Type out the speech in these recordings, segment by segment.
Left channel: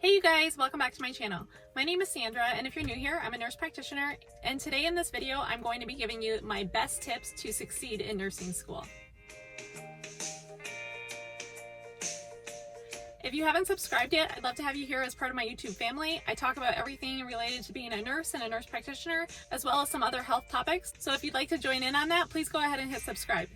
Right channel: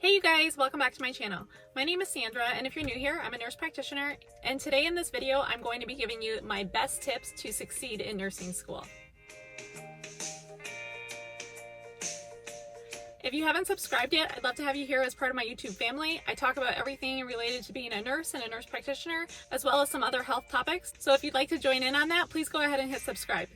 Hey you guys, welcome back to my channel. My name is Sandra, and if you're new here, I'm a nurse practitioner, and today in this video, I'm going to be giving you my best tips to succeed in nursing school. If you haven't subscribed yet, I'd love to have you here as part of my YouTube family. I talk about everything related to being a nurse and a nurse practitioner, as well as some other health topics. So if you'd like to join in on that, please go ahead and hit subscribe.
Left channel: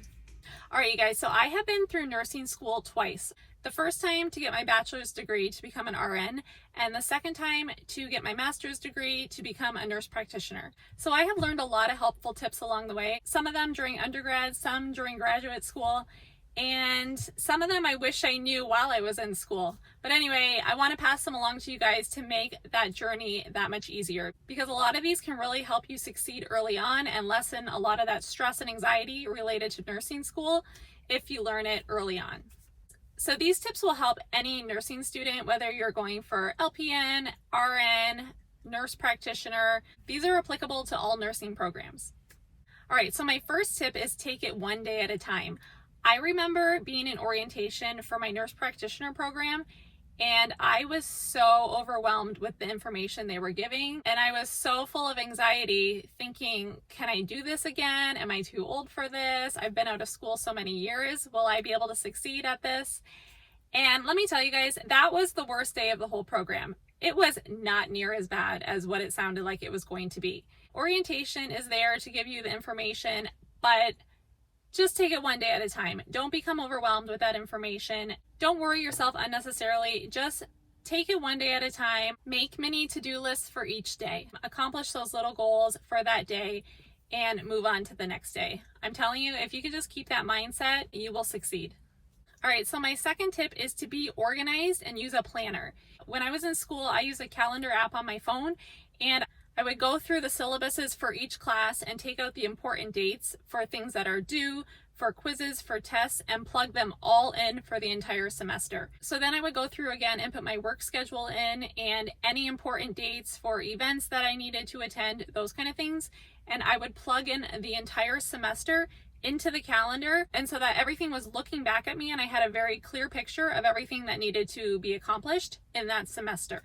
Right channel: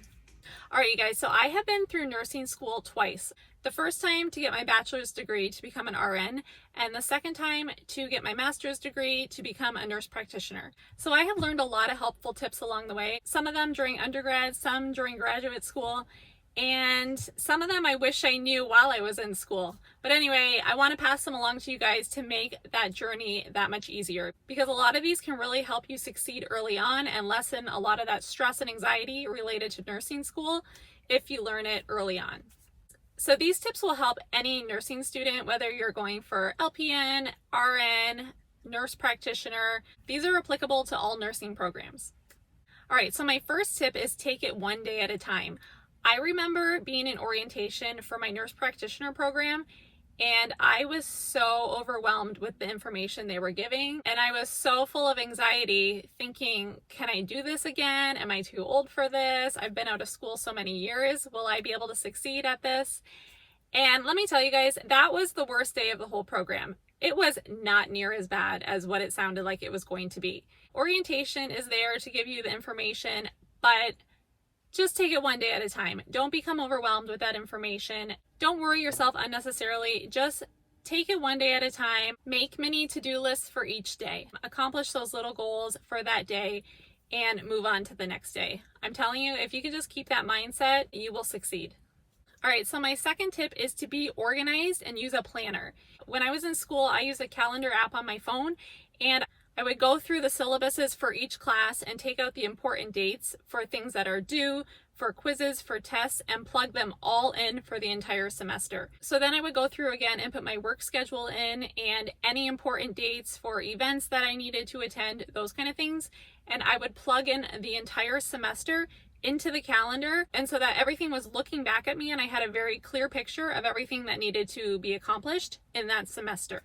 All right, you guys, so I have been through nursing school twice. The first time to get my bachelor's degree to become an RN, and the second time to get my master's degree to become a nurse practitioner. So I have learned a lot of helpful tips along the way, some of them during undergrad, some during graduate school, and some of them I wish I knew while I was in school. But anyway, I want to pass them along to you guys to make that journey that much easier, because a lot of these can really help you succeed early on and lessen a lot of that stress and anxiety related to nursing school if you learn it early on. So these tips will help any nursing student, whether you're going for LPN, RN, nurse practitioner. These are applicable to all nursing programs. All right, so my first tip is take it one day at a time. I remember being in orientation for my nurse practitioner program, and I was so overwhelmed with the information they were giving, and I was so full of anxiety thinking, can I do this again? Am I too old for this? I've been out of school so many years. Will I be able to succeed at this? And let me tell you guys, that was the worst day of the whole program. It was not near as bad as what it sounded like it was going to be. Orientation is there to give you the information, but just take it one day at a time. Don't become overwhelmed with that information. Don't worry yourself unnecessarily. Just take it one day at a time. Make mini to-do lists for each day. Accomplish those little goals for that day and move on to the next day. I'm telling you, if you can just keep that mindset, you will succeed. All right, so my second tip is to be organized and use a planner. When I was in school, I used a calendar app on my phone, and I would go through the syllabuses for each class and take out the important dates for things that are due, for quizzes, for tests, and plug them all in for the entire semester. So then I would go through again and put my work schedule in and any important dates for events that I needed to attend, those kind of things. And I would plug in the entire semester into the calendar, and so that everything was looking back at me and I had a very clear picture of everything that needed to be accomplished in that semester.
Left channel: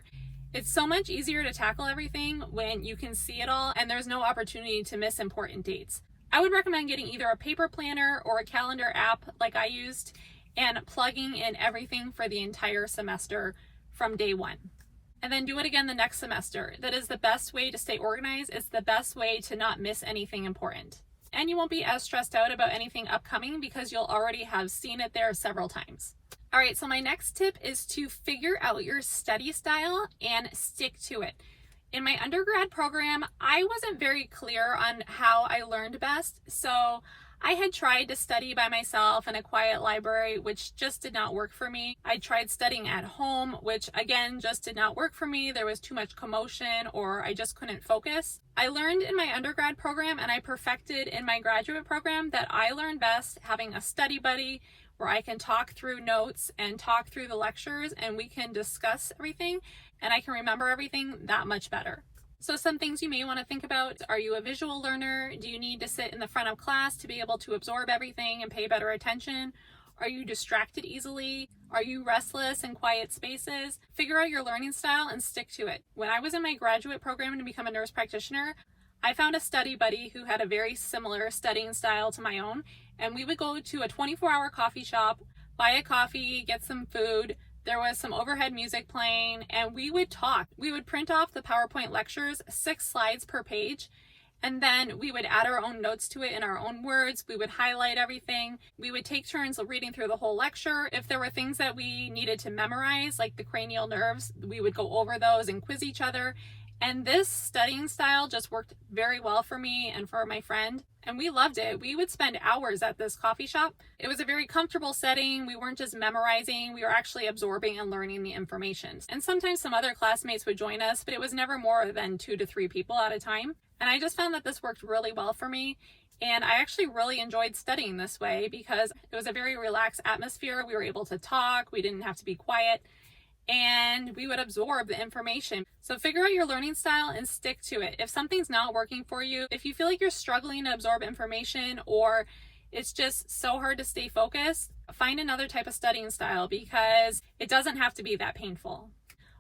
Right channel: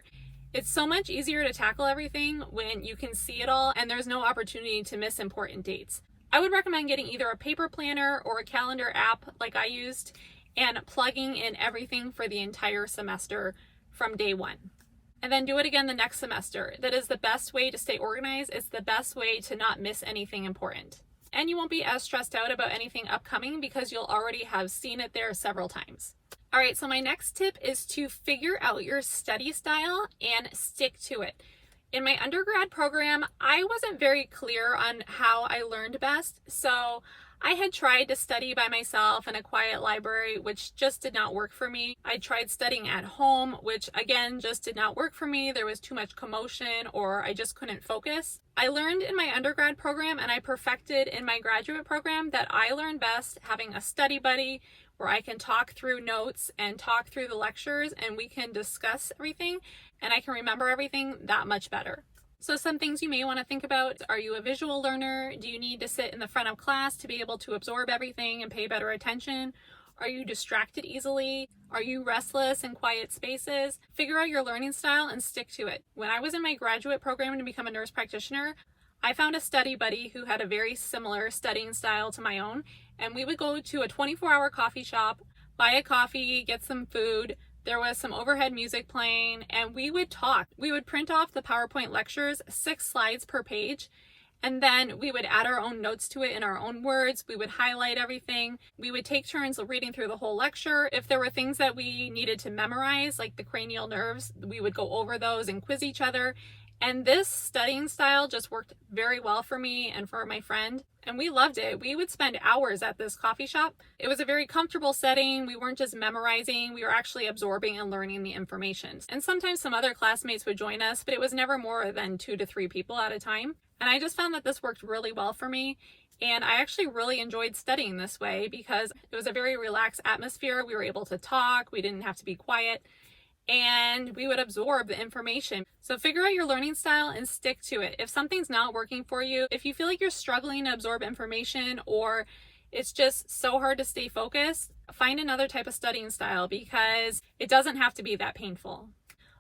It's so much easier to tackle everything when you can see it all and there's no opportunity to miss important dates. I would recommend getting either a paper planner or a calendar app like I used and plugging in everything for the entire semester from day one. And then do it again the next semester. That is the best way to stay organized. It's the best way to not miss anything important. And you won't be as stressed out about anything upcoming because you'll already have seen it there several times. All right, so my next tip is to figure out your study style and stick to it. In my undergrad program, I wasn't very clear on how I learned best, so I had tried to study by myself in a quiet library, which just did not work for me. I tried studying at home, which again just did not work for me. There was too much commotion or I just couldn't focus. I learned in my undergrad program and I perfected in my graduate program that I learn best having a study buddy where I can talk through notes and talk through the lectures and we can discuss everything and I can remember everything that much better. So some things you may want to think about: are you a visual learner? Do you need to sit in the front of class to be able to absorb everything and pay better attention? Are you distracted easily? Are you restless in quiet spaces? Figure out your learning style and stick to it. When I was in my graduate program to become a nurse practitioner, I found a study buddy who had a very similar studying style to my own, and we would go to a 24-hour coffee shop, buy a coffee, get some food. There was some overhead music playing, and we would talk. We would print off the PowerPoint lectures, 6 slides per page, and then we would add our own notes to it in our own words. We would highlight everything. We would take turns reading through the whole lecture. If there were things that we needed to memorize, like the cranial nerves, we would go over those and quiz each other. And this studying style just worked very well for me and for my friend, and we loved it. We would spend hours at this coffee shop. It was a very comfortable setting. We weren't just memorizing, we were actually absorbing and learning the information. And sometimes some other classmates would join us, but it was never more than 2 to 3 people at a time. And I just found that this worked really well for me. And I actually really enjoyed studying this way because it was a very relaxed atmosphere. We were able to talk, we didn't have to be quiet, and we would absorb the information. So figure out your learning style and stick to it. If something's not working for you, if you feel like you're struggling to absorb information or it's just so hard to stay focused, find another type of studying style because it doesn't have to be that painful.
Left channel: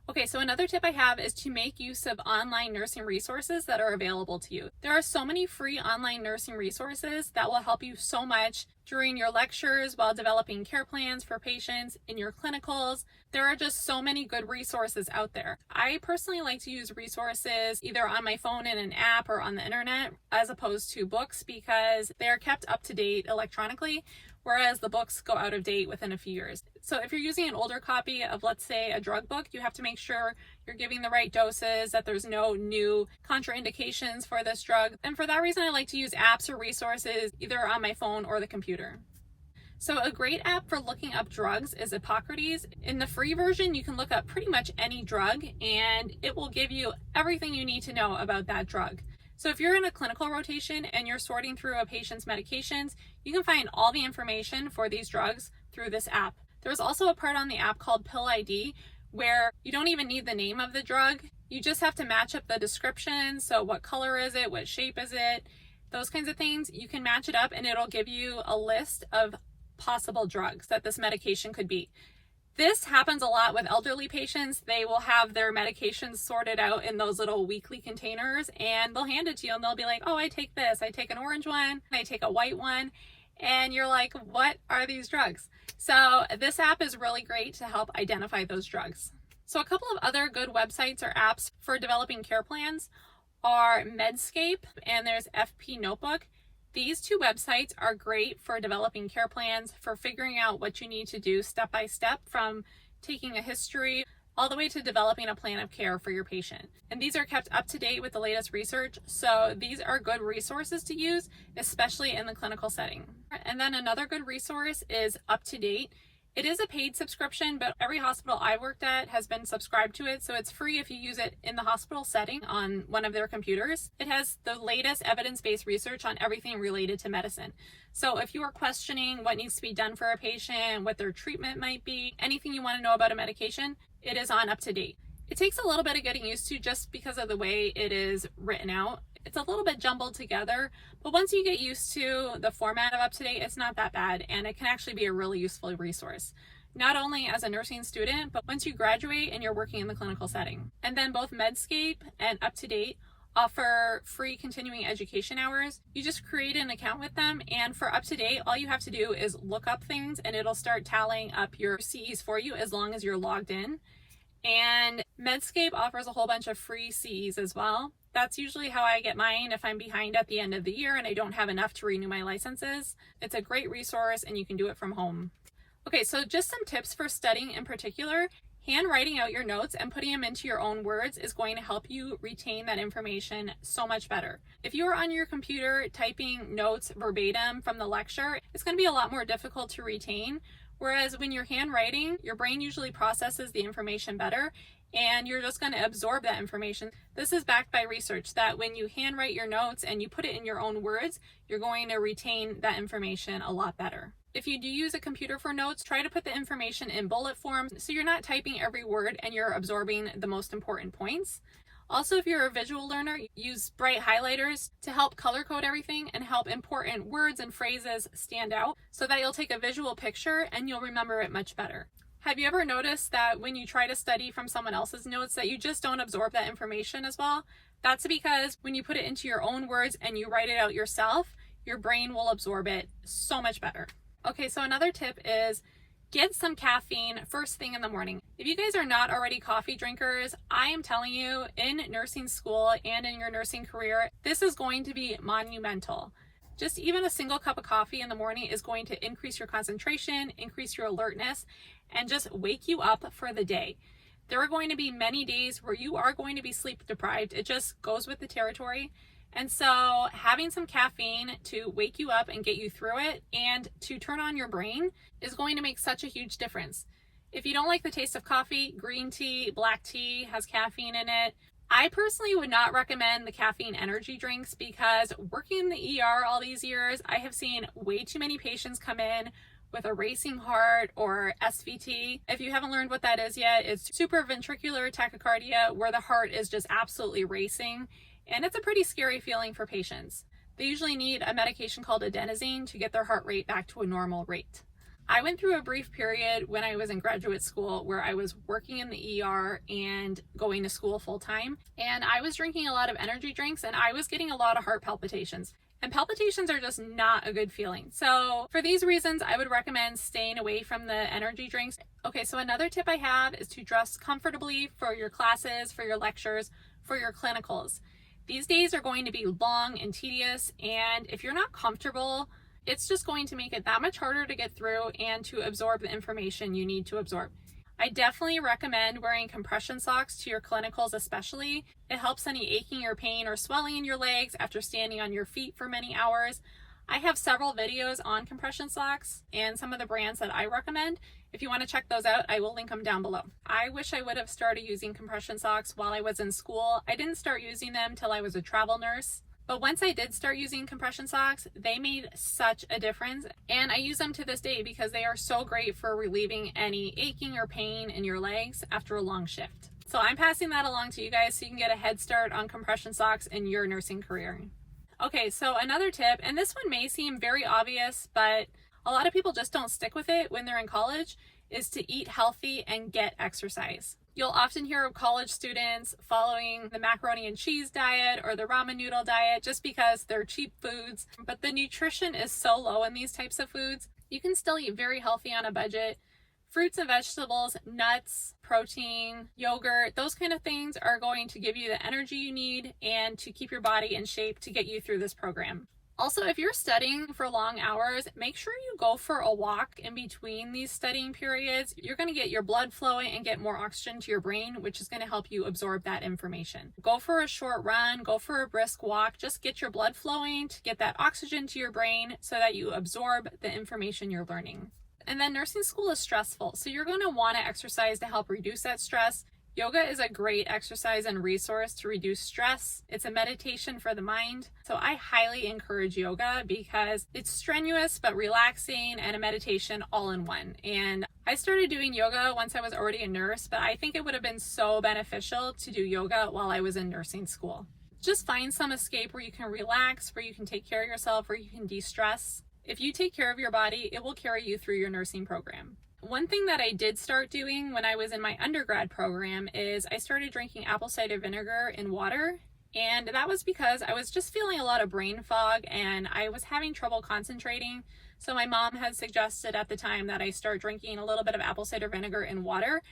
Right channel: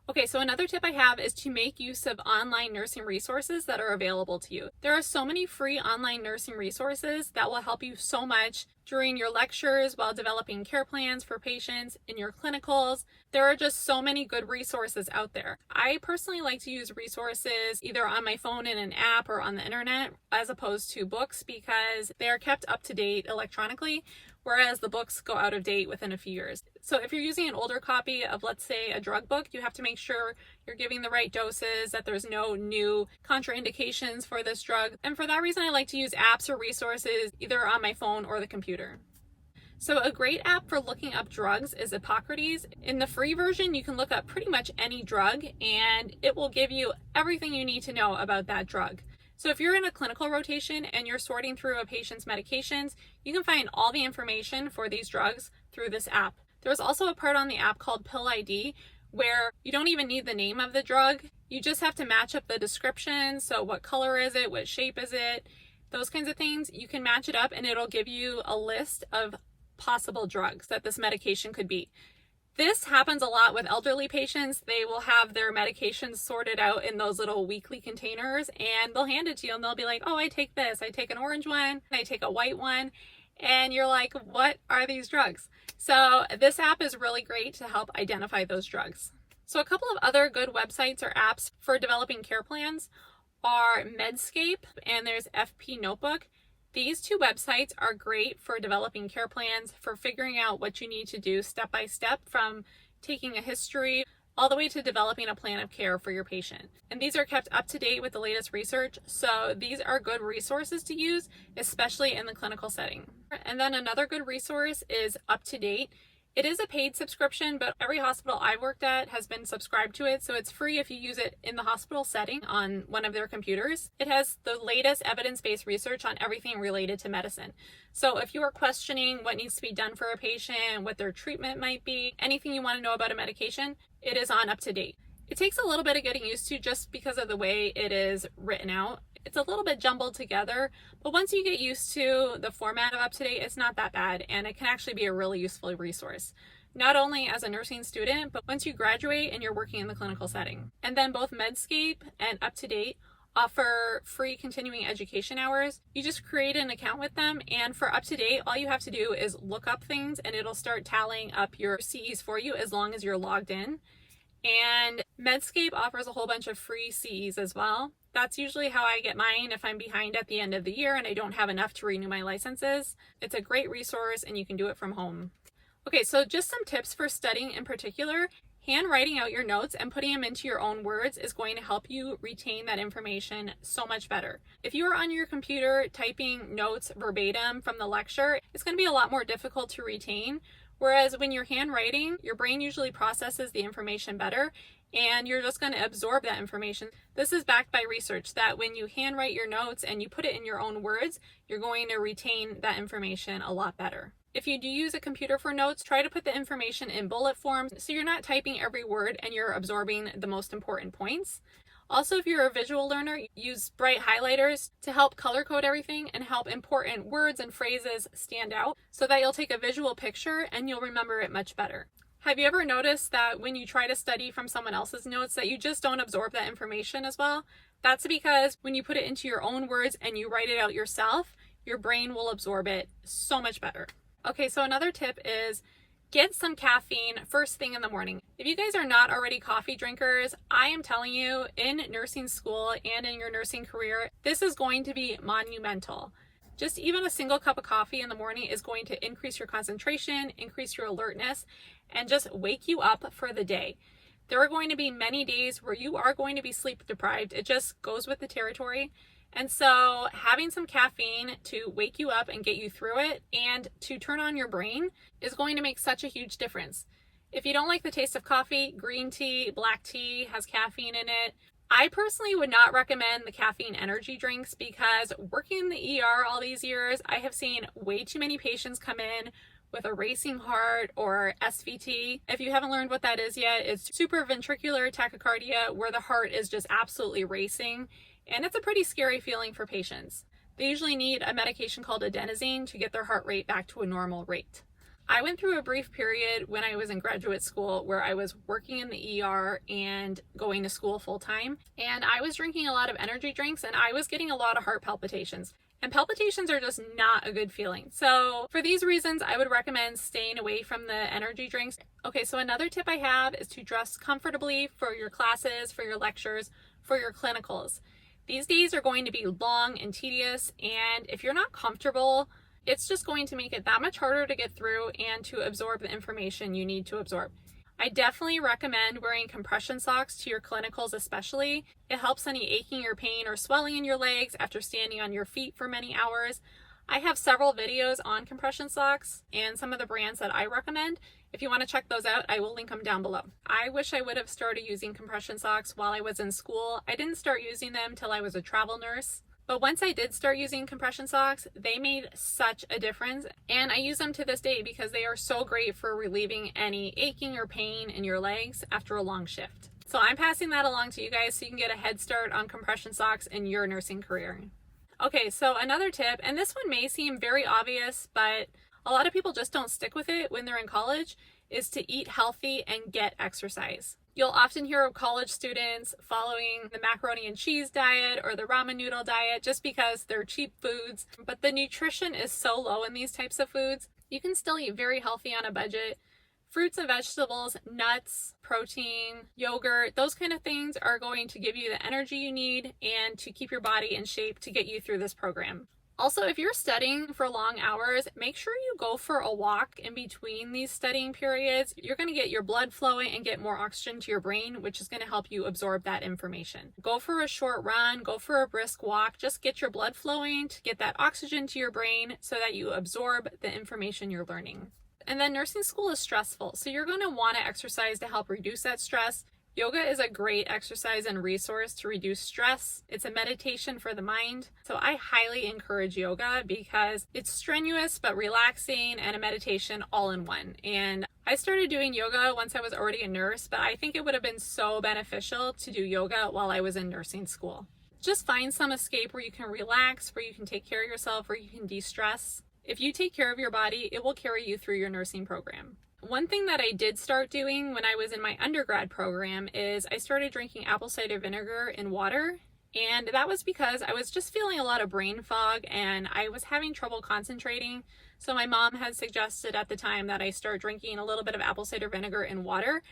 Okay, so another tip I have is to make use of online nursing resources that are available to you. There are so many free online nursing resources that will help you so much during your lectures, while developing care plans for patients, in your clinicals. There are just so many good resources out there. I personally like to use resources either on my phone in an app or on the internet as opposed to books, because they are kept up to date electronically, whereas the books go out of date within a few years. So if you're using an older copy of, let's say, a drug book, you have to make sure you're giving the right doses, that there's no new contraindications for this drug. And for that reason, I like to use apps or resources either on my phone or the computer. So a great app for looking up drugs is Hippocrates. In the free version, you can look up pretty much any drug and it will give you everything you need to know about that drug. So if you're in a clinical rotation and you're sorting through a patient's medications, you can find all the information for these drugs through this app. There's also a part on the app called Pill ID where you don't even need the name of the drug. You just have to match up the description. So what color is it? What shape is it? Those kinds of things. You can match it up and it'll give you a list of possible drugs that this medication could be. This happens a lot with elderly patients. They will have their medications sorted out in those little weekly containers and they'll hand it to you and they'll be like, oh, I take this. I take an orange one. I take a white one. And you're like, what are these drugs? So this app is really great to help identify those drugs. So a couple of other good websites or apps for developing care plans are Medscape and there's FP Notebook. These two websites are great for developing care plans, for figuring out what you need to do step by step, from taking a history all the way to developing a plan of care for your patient. And these are kept up to date with the latest research, so these are good resources to use, especially in the clinical setting. And then another good resource is Up to Date. It is a paid subscription, but every hospital I've worked at has been subscribed to it, so it's free if you use it in the hospital setting on one of their computers. It has the latest evidence-based research on everything related to medicine. So if you are questioning what needs to be done for a patient, what their treatment might be, anything you want to know about a medication, it is on Up to Date. It takes a little bit of getting used to just because of the way it is written out. It's a little bit jumbled together, but once you get used to the format of Up to Date, it's not that bad, and it can actually be a really useful resource, not only as a nursing student, but once you graduate and you're working in the clinical setting. And then both Medscape and Up to Date offer free continuing education hours. You just create an account with them, and for Up to Date, all you have to do is look up things and it'll start tallying up your CEs for you as long as you're logged in. And Medscape offers a whole bunch of free CEs as well. That's usually how I get mine if I'm behind at the end of the year and I don't have enough to renew my licenses. It's a great resource and you can do it from home. Okay, so just some tips for studying in particular. Handwriting out your notes and putting them into your own words is going to help you retain that information so much better. If you are on your computer typing notes verbatim from the lecture, it's going to be a lot more difficult to retain. Whereas when you're handwriting, your brain usually processes the information better and you're just going to absorb that information. This is backed by research that when you handwrite your notes and you put it in your own words, you're going to retain that information a lot better. If you do use a computer for notes, try to put the information in bullet form so you're not typing every word and you're absorbing the most important points. Also, if you're a visual learner, use bright highlighters to help color code everything and help important words and phrases stand out so that you'll take a visual picture and you'll remember it much better. Have you ever noticed that when you try to study from someone else's notes that you just don't absorb that information as well? That's because when you put it into your own words and you write it out yourself, your brain will absorb it so much better. Okay, so another tip is get some caffeine first thing in the morning. If you guys are not already coffee drinkers, I am telling you, in nursing school and in your nursing career, this is going to be monumental. Just even a single cup of coffee in the morning is going to increase your concentration, increase your alertness, and just wake you up for the day. There are going to be many days where you are going to be sleep deprived. It just goes with the territory. And so having some caffeine to wake you up and get you through it and to turn on your brain is going to make such a huge difference. If you don't like the taste of coffee, green tea, black tea has caffeine in it. I personally would not recommend the caffeine energy drinks because working in the ER all these years, I have seen way too many patients come in with a racing heart or SVT. If you haven't learned what that is yet, it's supraventricular tachycardia, where the heart is just absolutely racing. And it's a pretty scary feeling for patients. They usually need a medication called adenosine to get their heart rate back to a normal rate. I went through a brief period when I was in graduate school where I was working in the ER and going to school full time. And I was drinking a lot of energy drinks and I was getting a lot of heart palpitations. And palpitations are just not a good feeling. So for these reasons, I would recommend staying away from the energy drinks. Okay, so another tip I have is to dress comfortably for your classes, for your lectures, for your clinicals. These days are going to be long and tedious, and if you're not comfortable, it's just going to make it that much harder to get through and to absorb the information you need to absorb. I definitely recommend wearing compression socks to your clinicals especially. It helps any aching or pain or swelling in your legs after standing on your feet for many hours. I have several videos on compression socks and some of the brands that I recommend. If you want to check those out, I will link them down below. I wish I would have started using compression socks while I was in school. I didn't start using them till I was a travel nurse. But once I did start using compression socks, they made such a difference. And I use them to this day because they are so great for relieving any aching or pain in your legs after a long shift. So I'm passing that along to you guys so you can get a head start on compression socks in your nursing career. Okay, so another tip, and this one may seem very obvious, but a lot of people just don't stick with it when they're in college, is to eat healthy and get exercise. You'll often hear of college students following the macaroni and cheese diet or the ramen noodle diet just because they're cheap foods, but the nutrition is so low in these types of foods. You can still eat very healthy on a budget. Fruits and vegetables, nuts, protein, yogurt, those kind of things are going to give you the energy you need and to keep your body in shape to get you through this program. Also, if you're studying for long hours, make sure you go for a walk in between these studying periods. You're going to get your blood flowing and get more oxygen to your brain, which is going to help you absorb that information. Go for a short run, go for a brisk walk, just get your blood flowing to get that oxygen to your brain so that you absorb the information you're learning. And then nursing school is stressful, so you're going to want to exercise to help reduce that stress. Yoga is a great exercise and resource to reduce stress. It's a meditation for the mind. So I highly encourage yoga because it's strenuous but relaxing and a meditation all in one. And I started doing yoga once I was already a nurse, but I think it would have been so beneficial to do yoga while I was in nursing school. Just find some escape where you can relax, where you can take care of yourself, where you can de-stress. If you take care of your body, it will carry you through your nursing program. One thing that I did start doing when I was in my undergrad program is I started drinking apple cider vinegar in water. And that was because I was just feeling a lot of brain fog and I was having trouble concentrating. So my mom had suggested at the time that I start drinking a little bit of apple cider vinegar in water.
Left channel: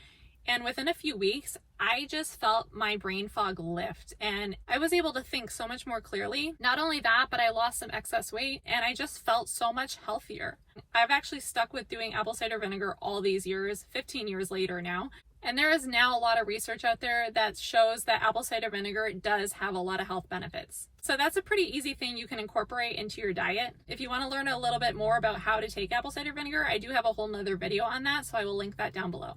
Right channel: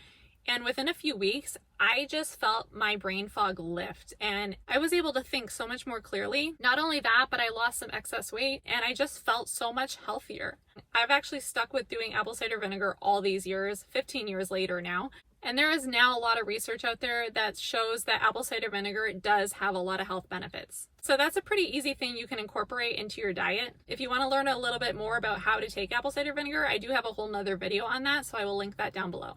And within a few weeks, I just felt my brain fog lift and I was able to think so much more clearly. Not only that, but I lost some excess weight and I just felt so much healthier. I've actually stuck with doing apple cider vinegar all these years, 15 years later now. And there is now a lot of research out there that shows that apple cider vinegar does have a lot of health benefits. So that's a pretty easy thing you can incorporate into your diet. If you want to learn a little bit more about how to take apple cider vinegar, I do have a whole nother video on that, so I will link that down below.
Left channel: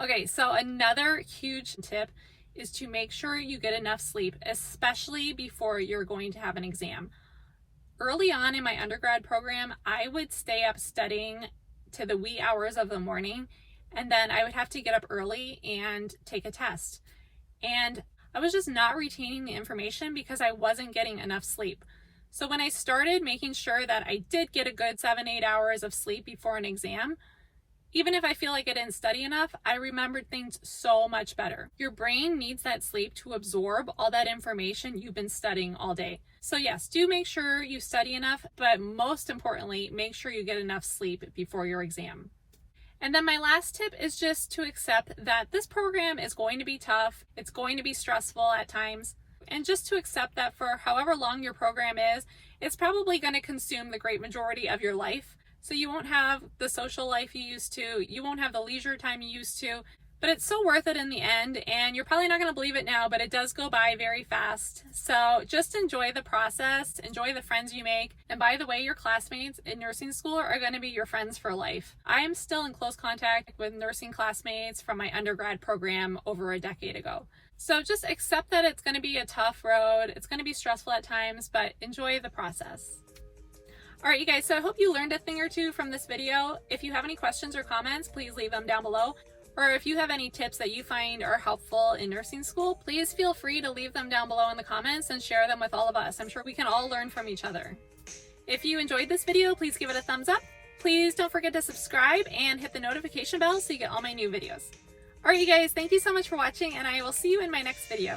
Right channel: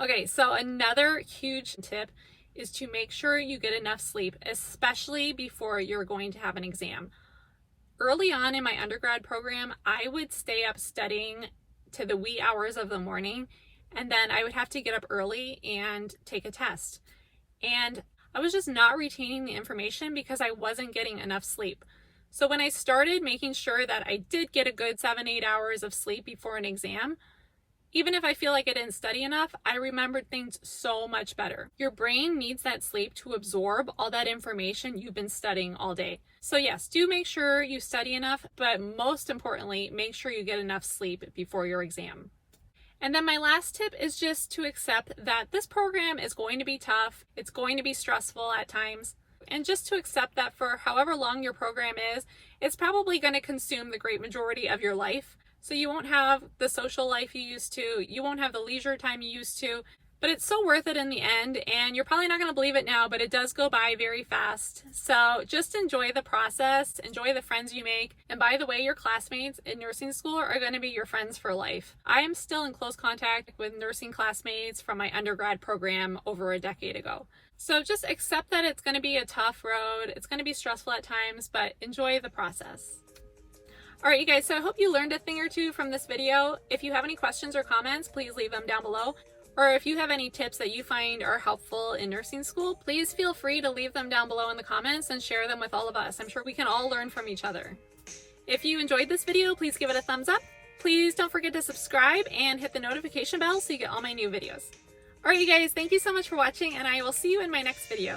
Okay, so another huge tip is to make sure you get enough sleep, especially before you're going to have an exam. Early on in my undergrad program, I would stay up studying to the wee hours of the morning, and then I would have to get up early and take a test. And I was just not retaining the information because I wasn't getting enough sleep. So when I started making sure that I did get a good 7-8 hours of sleep before an exam, even if I feel like I didn't study enough, I remembered things so much better. Your brain needs that sleep to absorb all that information you've been studying all day. So yes, do make sure you study enough, but most importantly, make sure you get enough sleep before your exam. And then my last tip is just to accept that this program is going to be tough. It's going to be stressful at times. And just to accept that for however long your program is, it's probably going to consume the great majority of your life. So you won't have the social life you used to, you won't have the leisure time you used to, but it's so worth it in the end, and you're probably not going to believe it now, but it does go by very fast. So just enjoy the process, enjoy the friends you make, and by the way, your classmates in nursing school are going to be your friends for life. I am still in close contact with nursing classmates from my undergrad program over a decade ago. So just accept that it's going to be a tough road, it's going to be stressful at times, but enjoy the process. All right, you guys, so I hope you learned a thing or two from this video. If you have any questions or comments, please leave them down below. Or if you have any tips that you find are helpful in nursing school, please feel free to leave them down below in the comments and share them with all of us. I'm sure we can all learn from each other. If you enjoyed this video, please give it a thumbs up. Please don't forget to subscribe and hit the notification bell so you get all my new videos. Alright you guys, thank you so much for watching, and I will see you in my next video.